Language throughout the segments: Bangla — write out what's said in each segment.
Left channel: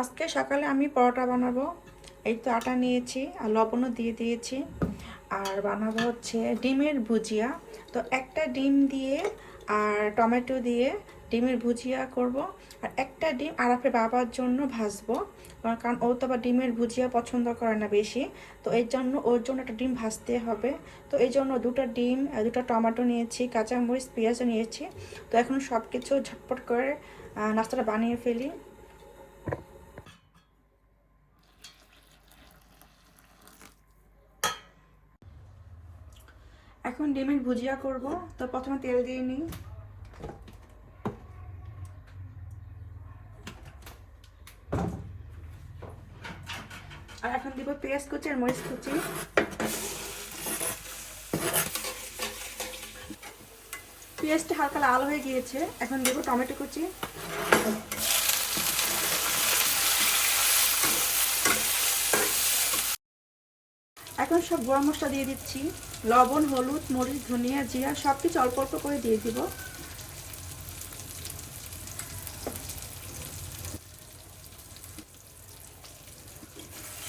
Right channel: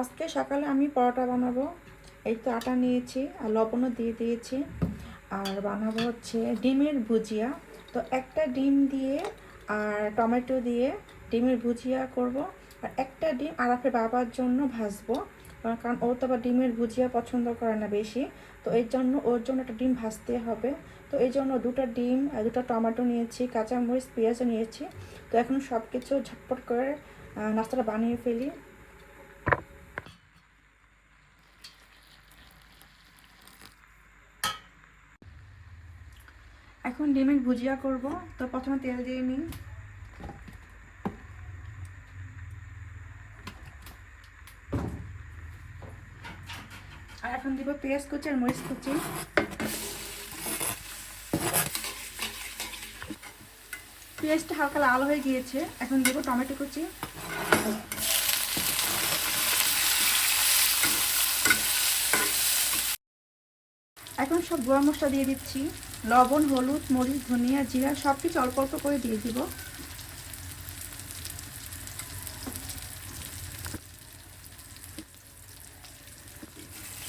আজকে সকালে আমি পরোটা বানাবো। এই তো আটা নিয়েছি আর লবণও দিয়ে দিয়েছি। আর বানাবো হচ্ছে ডিমের ভুজিয়া। তো একটা ডিম দিয়ে আর টমেটো দিয়ে ডিমের ভুজিয়া করব। আর একটা ডিম আরাফের বাবার জন্য ভাজবো। কারণ ও তো আবার ডিমের ভুজিয়া পছন্দ করে না বেশি। তো এর জন্য ওর জন্য একটা ডিম ভাজতে হবে। তো এই জন্য দুটো ডিম দুটো টমেটো নিয়েছি, কাঁচামরিচ, পেঁয়াজও নিয়েছি। তো এখন সব কিছু ঝটপট করে নাস্তাটা বানিয়ে ফেলি। এখন ডিমের ভুজিয়া করব। তো প্রথমে তেল দিয়ে নিই। আর এখন দিব পেঁয়াজ কুচি আর মরিচ কুচি। পেঁয়াজটা হালকা লাল হয়ে গিয়েছে। এখন দেবো টমেটো কুচি এখন সব গরম মশলা দিয়ে দিচ্ছি। লবণ, হলুদ, মরিচ, ধনিয়া, জিরা সব কিছু অল্প অল্প করে দিয়ে দিব।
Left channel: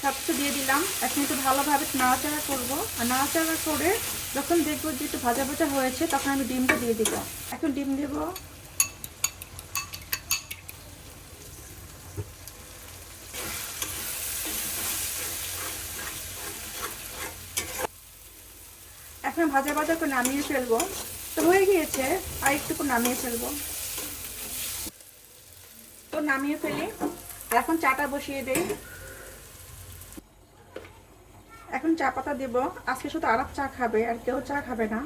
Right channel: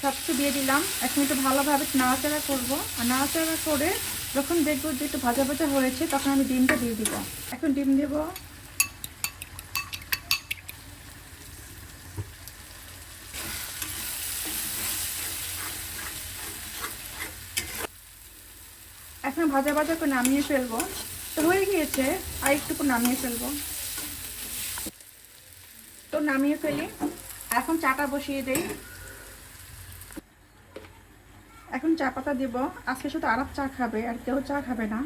সব দিয়ে দিলাম। এখন একটু ভালোভাবে নাড়াচাড়া করব। আর নাড়াচাড়া করে যখন দেখব যে একটু ভাজা ভাজা হয়েছে, তখন আমি ডিমটা দিয়ে দিব। এখন ডিম দেবো এখন ভাজা ভাজা করে নামিয়ে ফেলব। তো হয়ে গিয়েছে, আর একটু করে নামিয়ে ফেলব। তো নামিয়ে ফেলি। এখন চাটা বসিয়ে দেই। এখন চা পাতা দেব। আজকে শুধু আরাপ চা খাবে, আর কেউ চা খাবে না।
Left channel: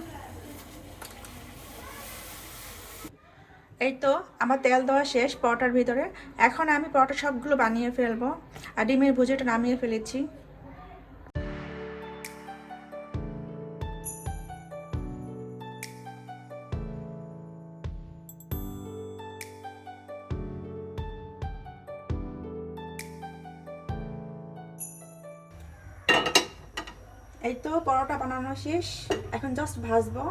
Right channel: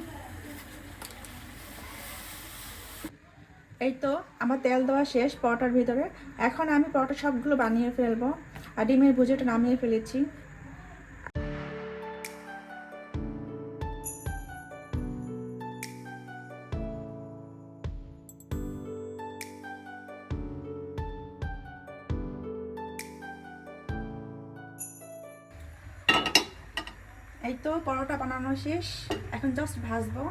এই তো আমার তেল দেওয়া শেষ পরোটার ভিতরে। এখন আমি পরোটা সবগুলো বানিয়ে ফেলব। আর ডিমের ভুজিটা নামিয়ে ফেলেছি। পরোটা বানানো শেষ। এখন জাস্ট ভাজবো।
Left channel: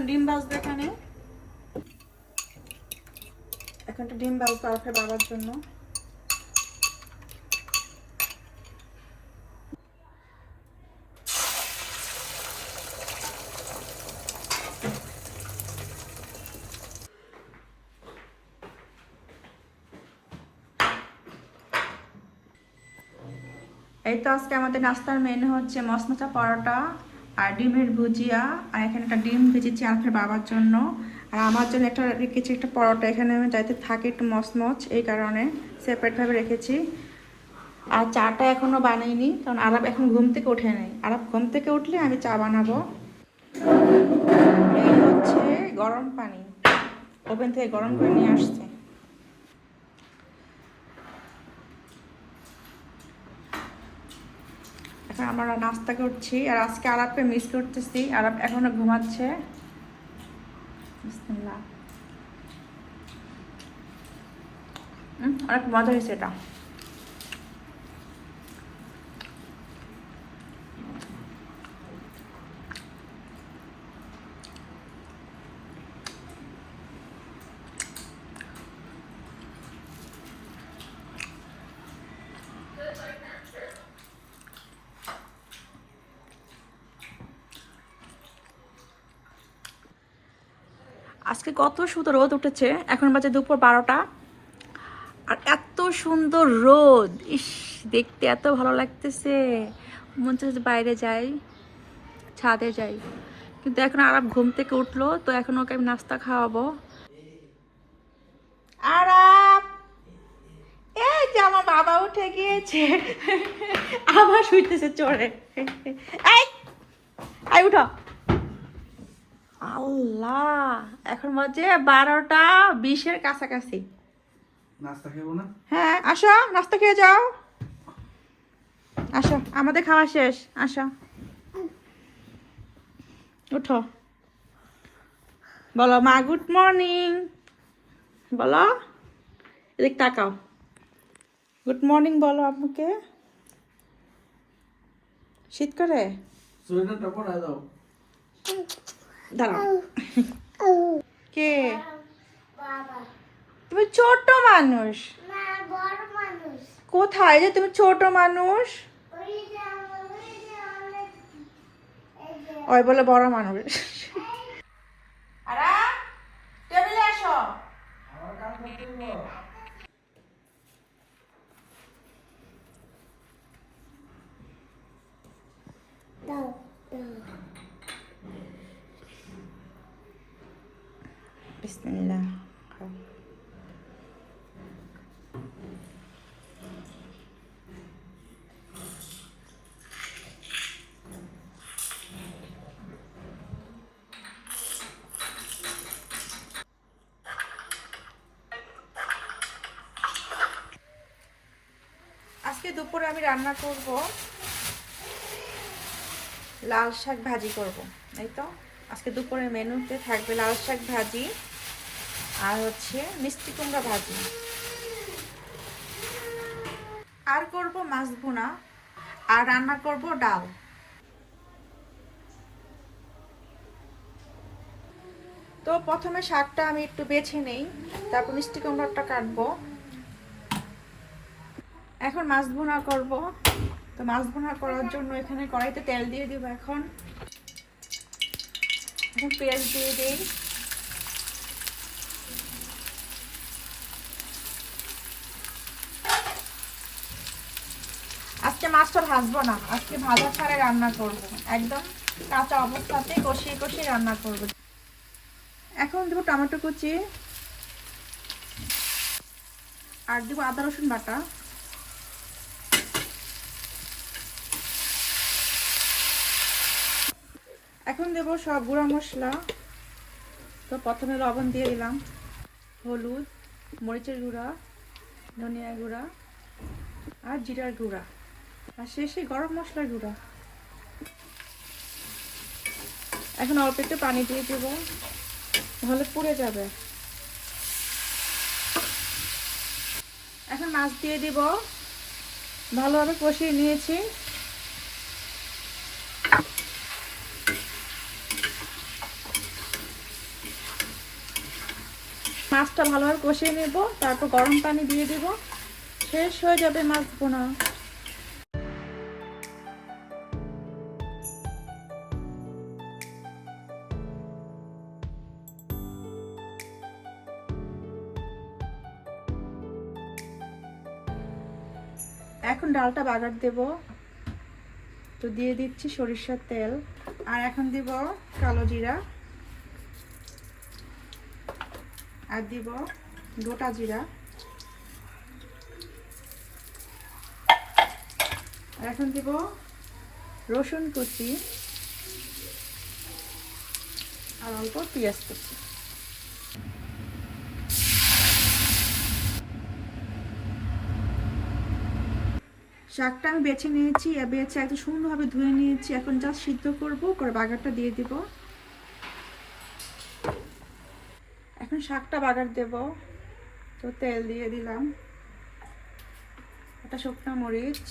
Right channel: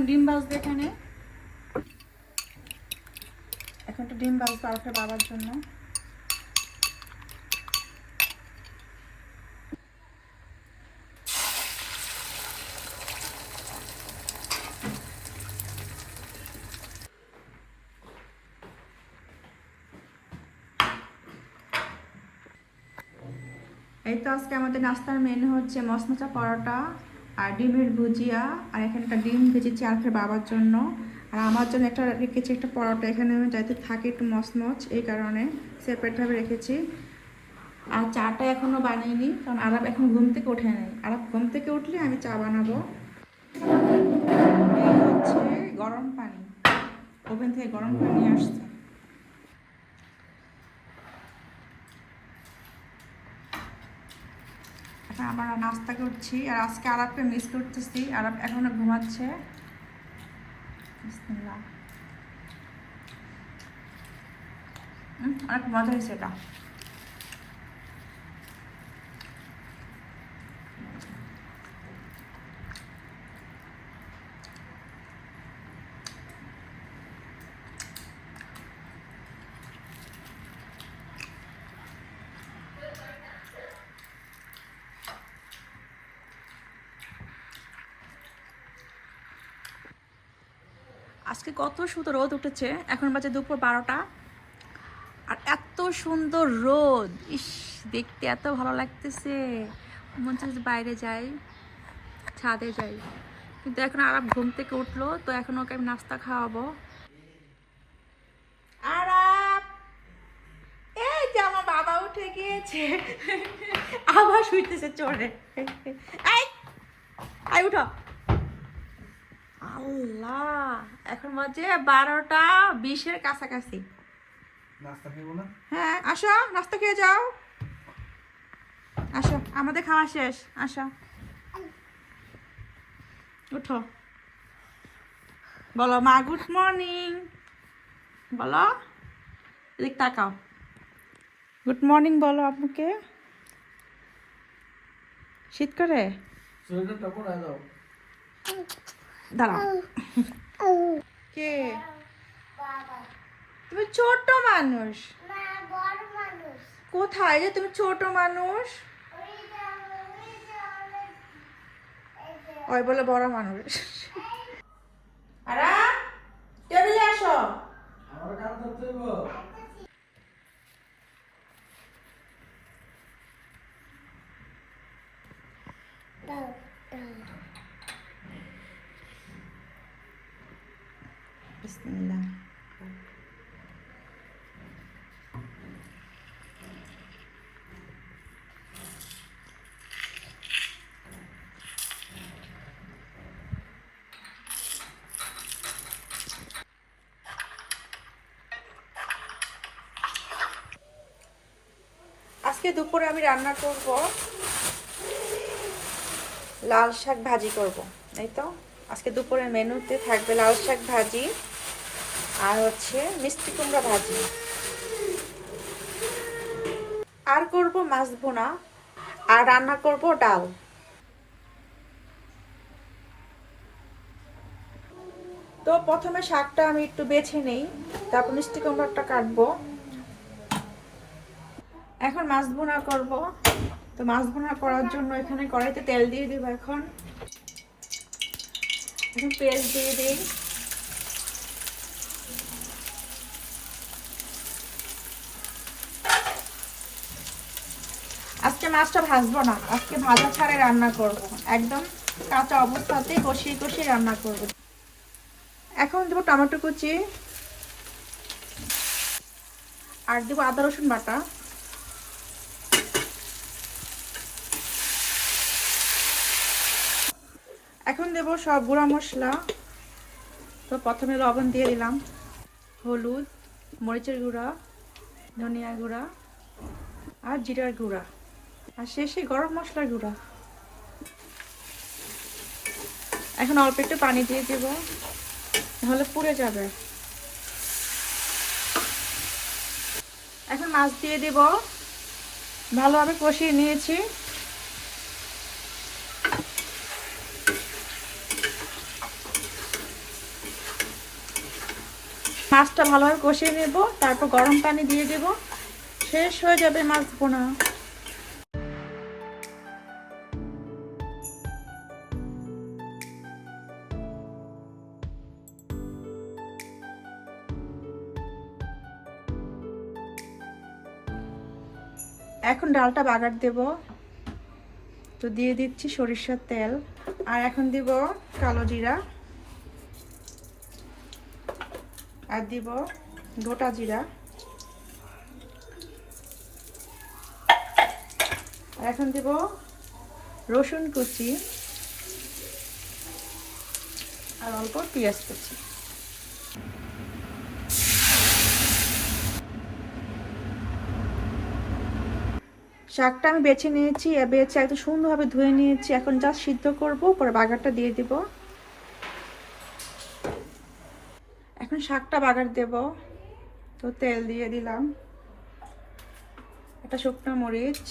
এখন ডিম ভাজবো এখানে। এখন একটু ডিম ভাজবো আমাকে বাবার জন্য। এই তো আজকে আমাদের নাস্তার মেনু হচ্ছে মশমশা পরোটা। আর ডিমের ভুজিয়া, আর এখানে একটা ডিম ভেজেছি আলফের বাবার জন্য। আর আমার জন্য একটা রেখেছি একটা পরোটা। এখানে আমি যাতে থাকি একটু মচমচ, এই কারণে সেপারেটভাবে রেখেছি। আর চাটা এখনও বানাইনি, কারণ আরব এখন ঘুম থেকে ওঠে নেই। আরব ঘুম থেকে উঠলে আমি চা বানাবো। এই হচ্ছে গরম পানি। ওভেন থেকে গরম করে নিয়ে আসছে। এখন আমরা নাস্তা করছি আর আজকে আরাপকে মিস করতেছি। আরব এখনও ঘুমাচ্ছে। অনেক মজা হয়েছে এটা আজকে কত সুন্দর রোদ উঠেছে। এখন বাজে দুপুর বারোটা। আর এত সুন্দর রোদ। ইস, দেখতে এত ভালো লাগতেছে। মন চাচ্ছে বাইরে যাই, ছাদে যাই। কিন্তু এখন আরাম ঘুম থেকে উঠল, তো এখন ওকে আমি নাস্তা খাওয়াবো। আরাম! এই যে আমার আবার শুইতেছে চড়ে আই উঠো। আল্লাহ এখন বাজে বারোটা বিশের কাছাকাছি। হ্যাঁ আসো নাস্তা খেয়ে যাও। আসো আমাদের খাওয়া শেষ আসো। উঠো। বলো মা গুড মর্নিং বলো এদিক তাকাও। গুড মর্নিং বলো আপনাকে শীত করে? দাও। দাঁড়াও। কে? তুমি ছোট মানুষ। কোথায় যে তুমি ছোট মানুষ? ওই বলে বড় মানুষ। আরা টেবিলে আসো। আজকে দুপুরে আমি রান্না করব লাল শাক ভাজি করব, তাই তো? আজকে দুপুরের মেনুতে থাকবে লাল শাক ভাজি আর হচ্ছে মিষ্টি কুমড়া ভাজি। আর করব মাছ ভুনা, আর রান্না করব ডাল। তো প্রথমে শাকটা আমি একটু বেছে নেই, তারপর মিষ্টি কুমড়াটা কাটবো। এখন মাছ ভুনা করব। তো মাছ ভুনা করার জন্য এখানে কড়াইতে তেল দিয়ে দিব এখন। এখন পেঁয়াজ দিয়ে দিই। আজকে মাছটা ভাজবো না, আজকে ভাজা ছাড়াই রান্না করব। একদম কাঁচা অবস্থাতে কষিয়ে কষিয়ে রান্না করব। এখন দেবো টমেটো কুচি। আর দেবো আদা রসুন বাটা এখন দেব সব গুঁড়া মশলা তো প্রথমে লবণ দিয়ে দিলাম। হলুদ, মরিচের গুঁড়া ধনিয়া গুঁড়া আর জিরার গুঁড়া। আর শেষে গরম মশলার গুঁড়া। এখন অল্প একটু পানি দিয়ে দেব। নাহলে পুড়ে যাবে। এখন মাছ দিয়ে দেব। ভালোভাবে কষিয়ে নিয়েছি। মাছটা ভালোভাবে কষিয়ে নেব, তারপর গরম পানি দিয়ে দেব। শেষ হয়ে যাবে মাছ বোনা এখন ডালটা বাগার দেব। তো দিয়ে দিচ্ছি সরিষার তেল। আর এখন দিব কালো জিরা। আর দিব গোটা জিরা। আর এখন দিব রসুন কুচি আর অল্প পেঁয়াজ কুচি। শাকটা আমি বেছে নিয়েছি বেছে একদম সুন্দরভাবে ধুয়ে নিয়েছি। এখন যা সিদ্ধ করব, করে বাগারটা দিয়ে দিব এখন শাকটা বাগার দেব। তো তেল দিয়ে দিলাম। একটা শুকনো মরিচ,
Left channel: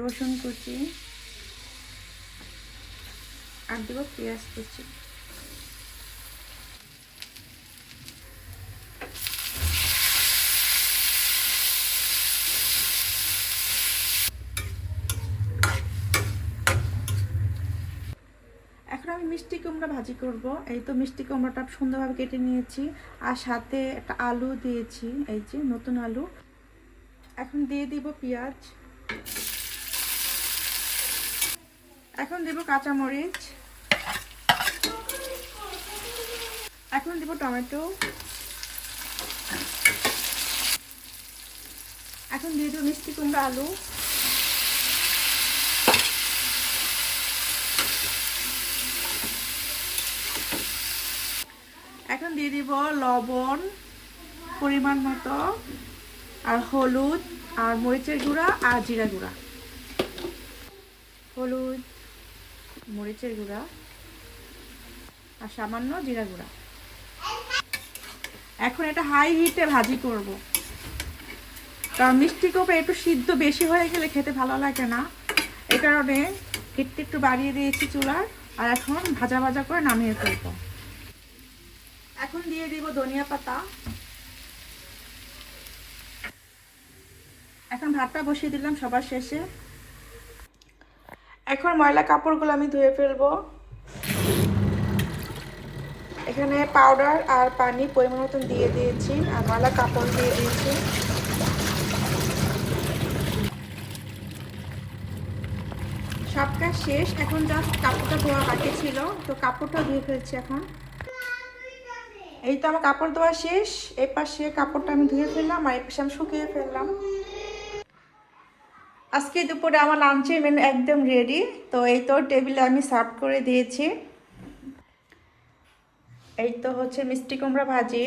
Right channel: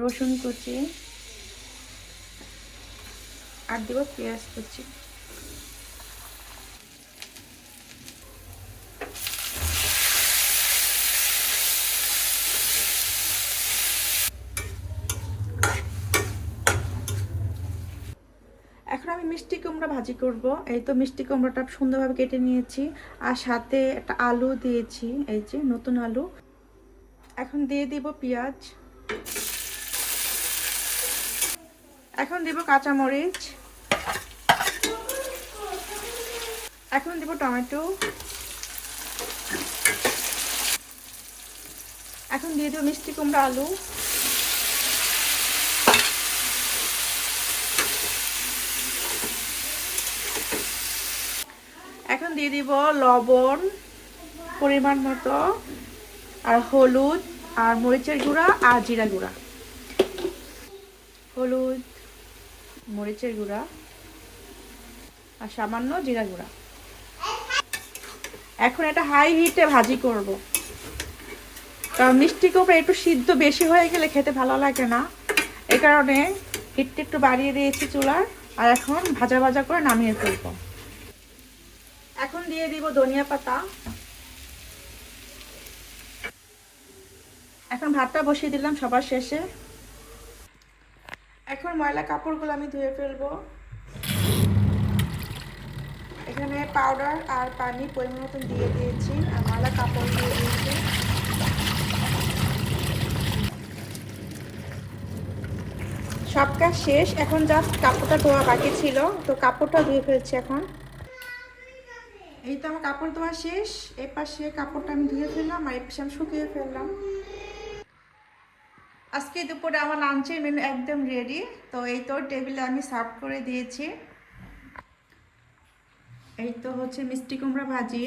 রসুন কুচি, আর দেবো পেঁয়াজ কুচি এখন আমি মিষ্টি কুমড়া ভাজি করব। এই তো মিষ্টি কুমড়াটা সুন্দরভাবে কেটে নিয়েছি। আর সাথে একটা আলু দিয়েছি, এই যে নতুন আলু। এখন দিয়ে দিব পেঁয়াজ। এখন দিব কাঁচামরিচ। এখন দিব টমেটো। এখন দিয়ে দেবো মিষ্টি কুমড়া আলু এখন দিয়ে দিব লবণ পরিমাণ মতো, আর হলুদ, আর মরিচের গুঁড়া, আর জিরা গুঁড়া। হলুদ, মরিচের গুঁড়া, আর সামান্য জিরা গুঁড়া। এখন এটা হাই হিটে ভাজি করব। কারণ মিষ্টি কুমড়া একটু সিদ্ধ বেশি হয়ে গেলে খেতে ভালো লাগে না। এই কারণে হিটটা একটু বাড়িয়ে দিয়েছি চুলার আর এখন ভাজা ভাজা করে নামিয়ে ফেলব। এখন দিয়ে দিব ধনিয়া পাতা। এখন ভাতটা বসিয়ে দিলাম সবার শেষে। এখন ময়লা কাপড়গুলো আমি ধুয়ে ফেলব। এখানে পাউডার আর পানি পরিমাণ মতন দিয়ে দিয়েছি আর ময়লা কাপড় দিয়ে দিয়েছি। সব কাজ শেষ, এখন জাস্ট কাপড়টা ধোয়া বাকি ছিল, তো কাপড়টা ধুয়ে ফেলছি এখন। এই তো আমার কাপড় ধোয়া শেষ, এই পাশে কাপড়টা আমি ধুয়ে ফেললাম আর এই পাশে আমি শুকিয়ে ফেললাম। আজকে দুপুরে আমার লাঞ্চের মেনু একদম রেডি তো এই তো টেবিলে আমি সার্ভ করে দিয়েছি। এই তো হচ্ছে মিষ্টি কুমড়া ভাজি,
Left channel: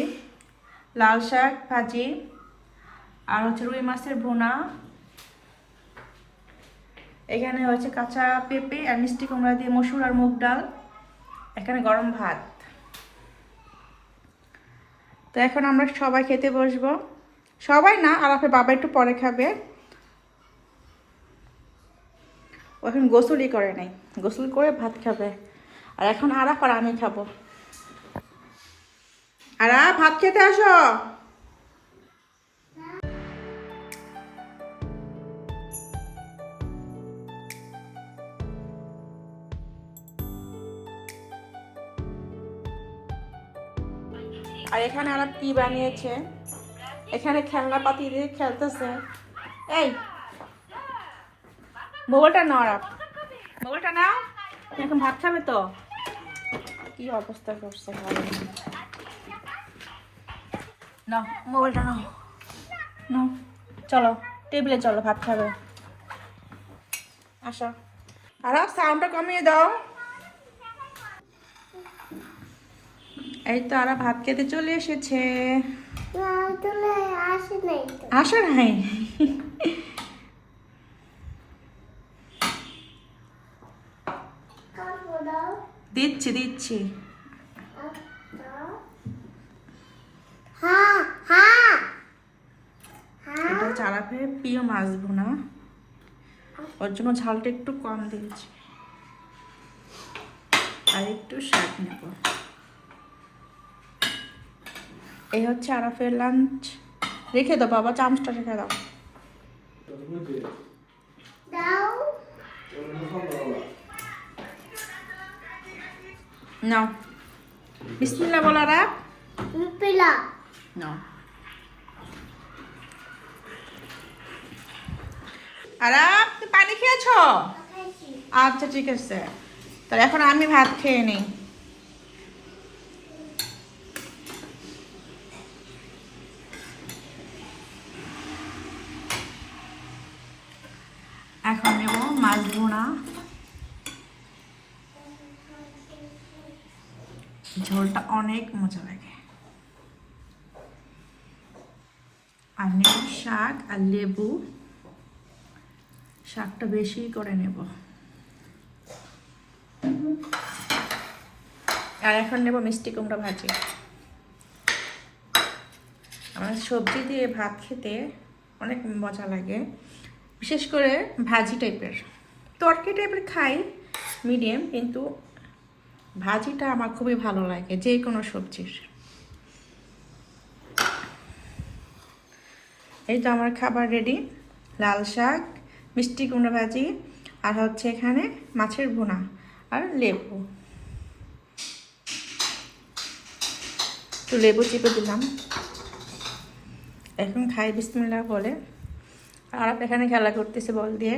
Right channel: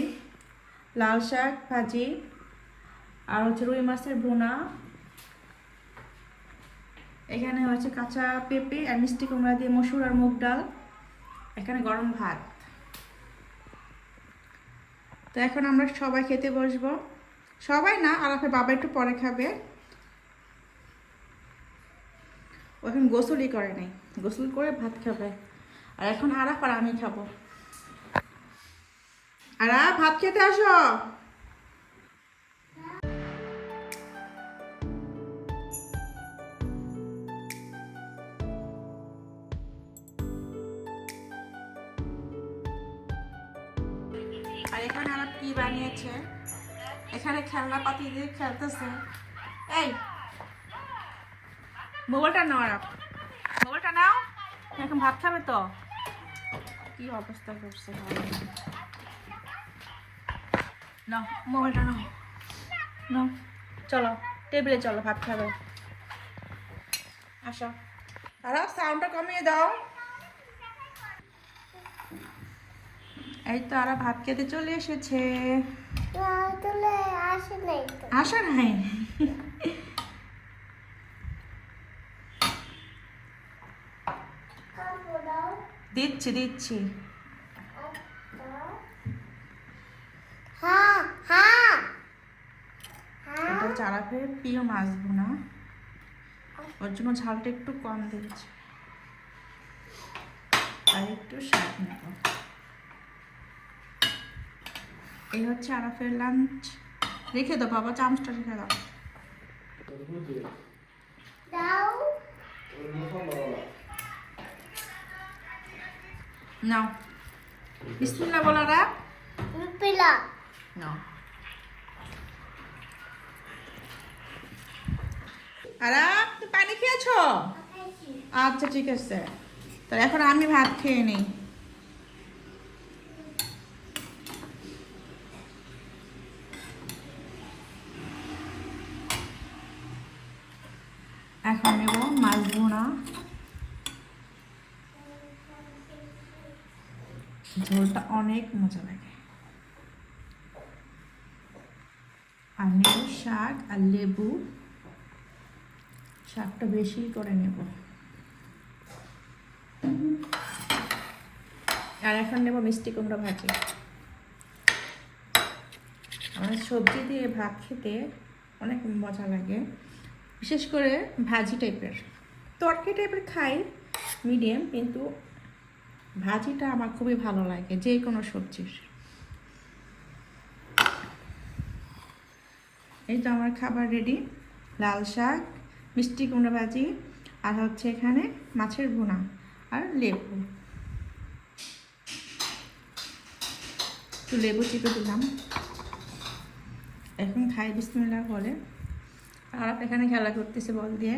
লাল শাক ভাজি, আর হচ্ছে রুই মাছের ভুনা। এখানে হচ্ছে কাঁচা পেঁপে আর মিষ্টি কুমড়া দিয়ে মসুর আর মুগ ডাল, এখানে গরম ভাত। তো এখন আমরা সবাই খেতে বসবো। সবাই না আর আপনার বাবা একটু পরে খাবে। ও এখন গোসলই করে নাই। গোসল করে ভাত খাবে। আর এখন আরাফ আর আমি খাব। আর ভাত খেতে আসো। আর এখানে কি বানিয়েছে? এখানে খেলনা পাতি দিয়ে খেলতেছে। এই, মোবাইলটা নাও আরাপ মোবাইলটা নাও। এখন ভাত খাবে তো? কি অবস্থা করছে না। মোবাইলটা নাও। নাও, চলো, টেবিলে চলো, ভাত খাবে। আসো। আর সাউন্ডটা কমিয়ে দাও। এই তো আর ভাত খেতে চলে এসেছে। আসো নাই। দিচ্ছি দিচ্ছি। এটা আরাফের প্রিয় মাছ ওর জন্য ঝালটা একটু কম দিয়েছি। আর একটু শাক নেব। এই হচ্ছে আরাফের লাঞ্চ রেখে দাও বাবা চামচটা রেখে দাও। নাও। বিসমিল্লাহ বলো রাখ নাও। আরাম তুমি পানি খেয়েছো। আচ্ছা ঠিক আছে। তাহলে এখন আমি ভাত খেয়ে নিই এখন নেব মাছ ভোনা ঝোলটা অনেক মজা লাগে। আর নেব শাক আর লেবু, শাকটা বেশি করে নেব। আর এখন নেব মিষ্টি কুমড়া ভাজি। আমার সবজি দিয়ে ভাত খেতে অনেক মজা লাগে, বিশেষ করে ভাজি টাইপের তরকারি টাইপের খাই মিডিয়াম কিন্তু ভাজিটা আমার খুবই ভালো লাগে, যে কোনো সবজির। এই তো আমার খাবার রেডি লাল শাক, মিষ্টি কুমড়ো ভাজি, আর হচ্ছে এখানে মাছের ভুনা আর লেবু। তো লেবু চিপে দিলাম। এখন খাই, বিসমিল্লাহ বলে। আর এখানে খেলা করতেছে বল দিয়ে।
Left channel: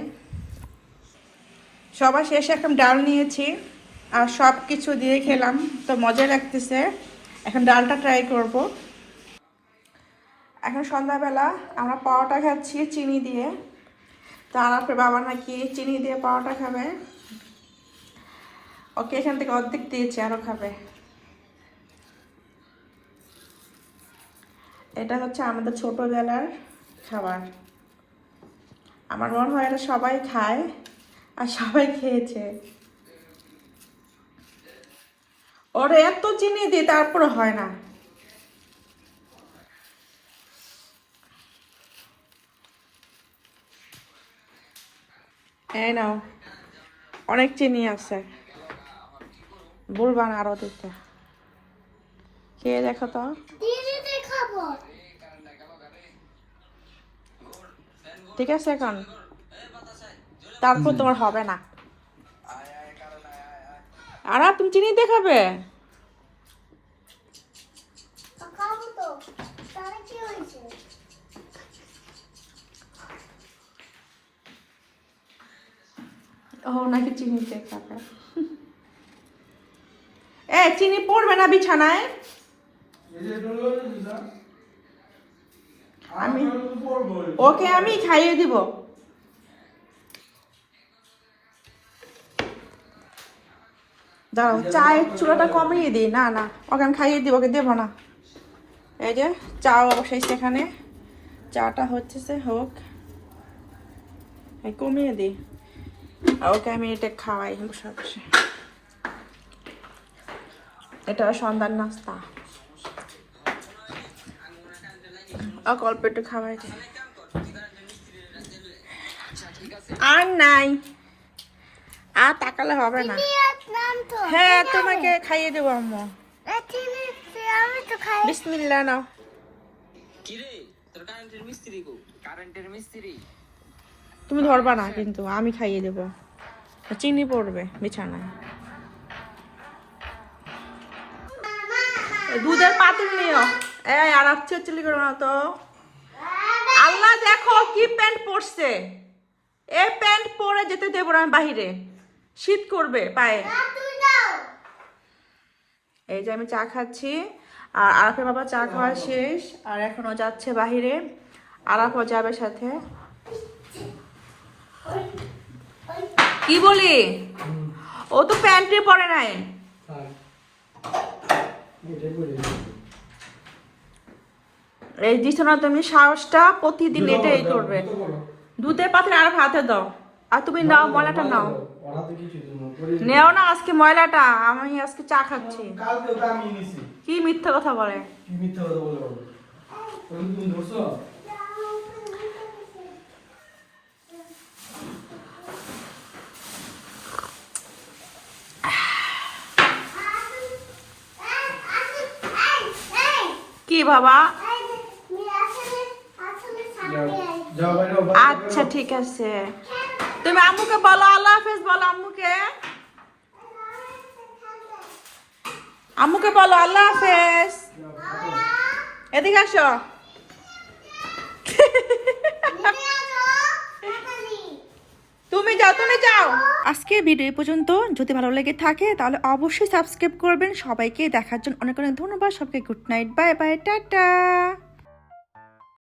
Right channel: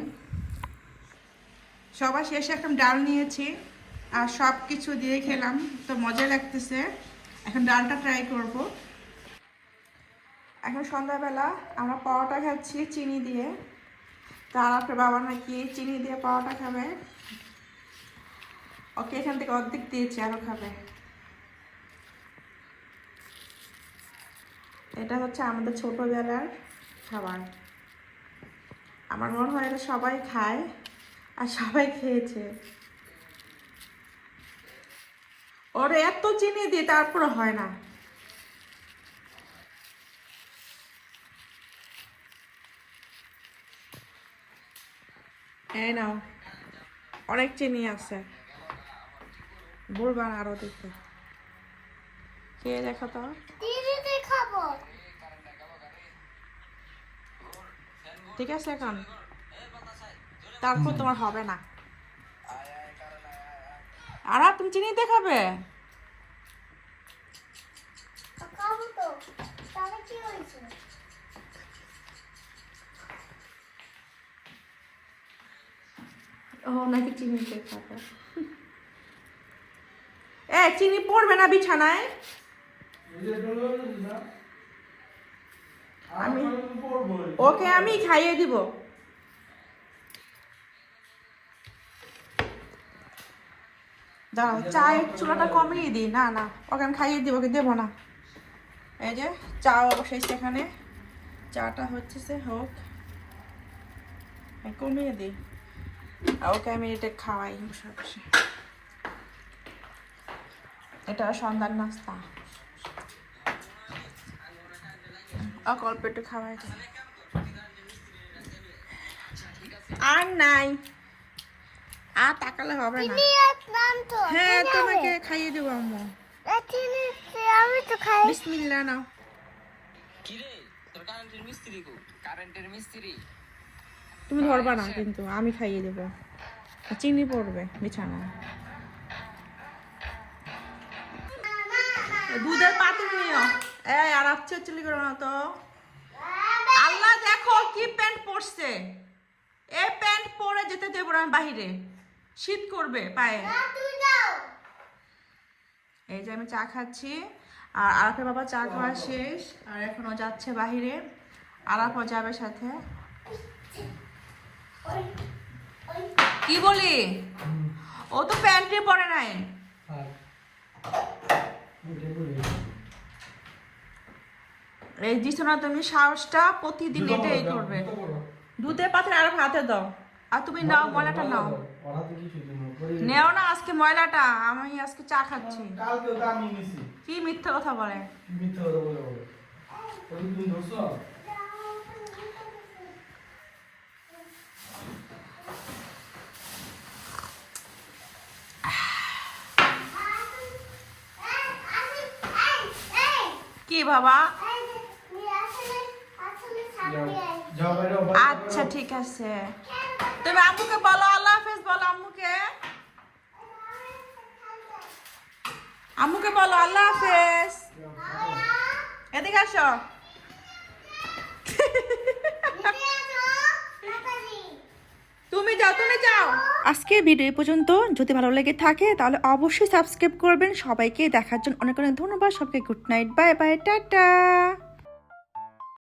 সবার শেষে এখন ডাল নিয়েছি। আর সব কিছু দিয়ে খেলাম। তো মজা লাগতেছে। এখন ডালটা ট্রাই করব। এখন সন্ধ্যাবেলা আমরা পরোটা খাচ্ছি চিনি দিয়ে। তো আরাফের বাবা নাকি চিনি দিয়ে পরোটা খাবে। ওকে এখান থেকে অর্ধেক দিয়েছি, আরও খাবে। এটা হচ্ছে আমাদের ছোটবেলার খাবার। আমার মনে হয় এটা সবাই খায় আর সবাই খেয়েছে। ওরা এত চিনি দিই তারপরে হয় না। এই নাও অনেক চিনি আছে। বলবা না আরও দিতে। খেয়ে দেখো তো। ঠিক আছে এখন? তারপর তোমার হবে না। আর, তুমি চিনি দেখাবে খাব? ও নাকি চিনি দেখাবে এ, চিনি পড়বে না বিছানায়? আমি ওকে আমি খাইয়ে দিব। দাঁড়াও, চায়ের চুলাটা কমিয়ে দিই। না না, ওকে আমি খাইয়ে দিব, ওকে দেবো না। এই যে চা অবশেষ এখানে। চাটা হচ্ছে সে হোক কমিয়ে দিই। ওকে আমি এটা খাওয়াই, বসে বসে। এটা সন্ধ্যার নাস্তা। আর অল্প একটু খাওয়াই। আর নাই। আর তাকালে হবে না। হ্যাঁ তোমাকে খাইয়ে দেবো আম্মু। খাই। বিসমিল্লা নাও। তুমি ধরবা না কিন্তু আমি খাইয়ে দেবো। চিনি পড়বে বিছানায়। দুধের পাতিল নিও। এই আর আচ্ছা চিলি করো না তো। আল্লাহ দেখো কি প্যান্ট পরছে। এই প্যান্ট পরে যেতে দেবো না আমি বাহিরে। শীত করবে পায়ে। এই যে আমি চা খাচ্ছি আর আরাফের বাবা চা খাওয়া শেষ আর এখনও যাচ্ছে বাহিরে। আরাফও যাবে সাথে। কি বলি? ও তো প্যান্টে পরে নাই। এই দিচ্ছ না তুমি সাহসটা প্রতিদিন এটাই করবে। দুধের পাত্রে আর হাতে দাও। আর তুমি নাও ময়লাটা নাও। নেও না আজকে ময়লাটা আমি আজকে চা খাচ্ছি। কি মিথ্যা কথা বলে? কি বাবু? আচ্ছা ঠিক আছে। তুমি আম্মুকে বলো, আল্লাহ হাফেজ বলো আম্মুকে। আম্মুকে বলো, আল্লাহ হাফেজ। এদিকে আসো। তুমি যাও তুমি যাও। আজকে ভিডিও পর্যন্ত। যদি ভালো লেগে থাকে, তাহলে অবশ্যই সাবস্ক্রাইব করবেন। সবাইকে দেখার জন্য অনেক অনেক ধন্যবাদ। সবাইকে good night. Bye bye, tata.